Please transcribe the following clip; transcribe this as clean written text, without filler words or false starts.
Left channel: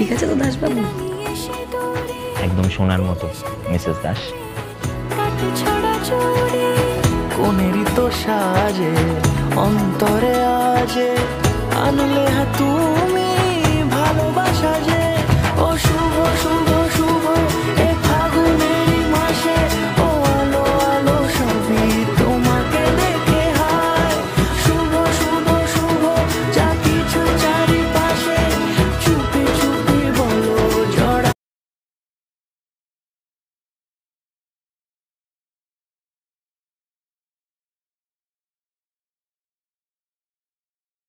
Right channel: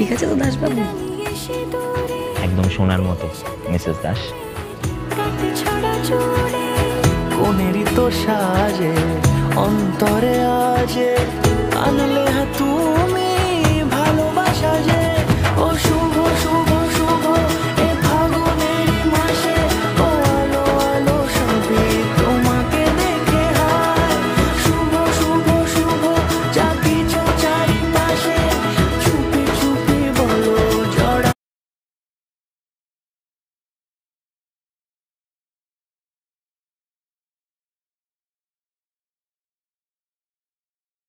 ঠিক আছে তো দাসবাবু? একদম সোনার মতো মিসেস দাস। কোনেরই তো সাজে অন্তরে আজে আনলে তুমি